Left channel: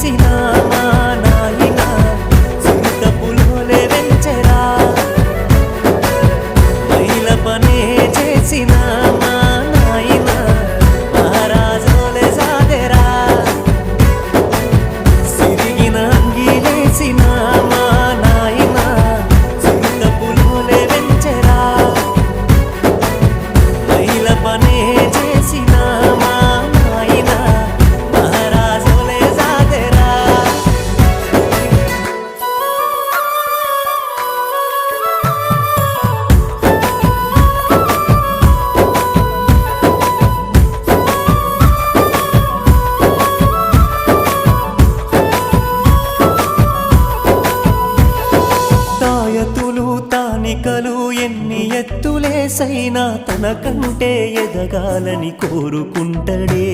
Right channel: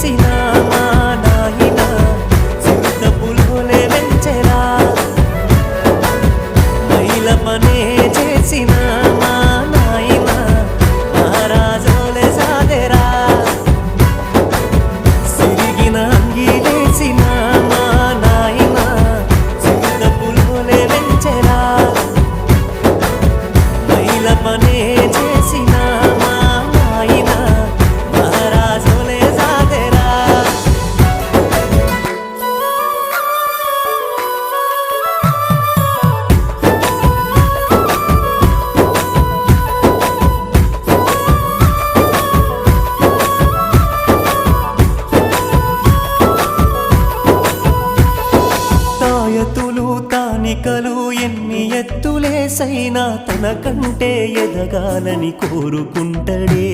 చేసిన మా నాయన చిరుత పులోలే వెంచెరా మైల పనే చేసిన మా నాయన మహారాజోలే సాదెరా సిరిగిన అంగిలేసిన మా నాయన చిరుత పులోలే వెంచెరా మైల పనే చేసిన మా నాయన మహారాజోలే సాదెరా తాయతులు తానికలు ఎన్ని ఎత్తులేసైనా తనకంటే ఎదగాలని కోరుకుంటడే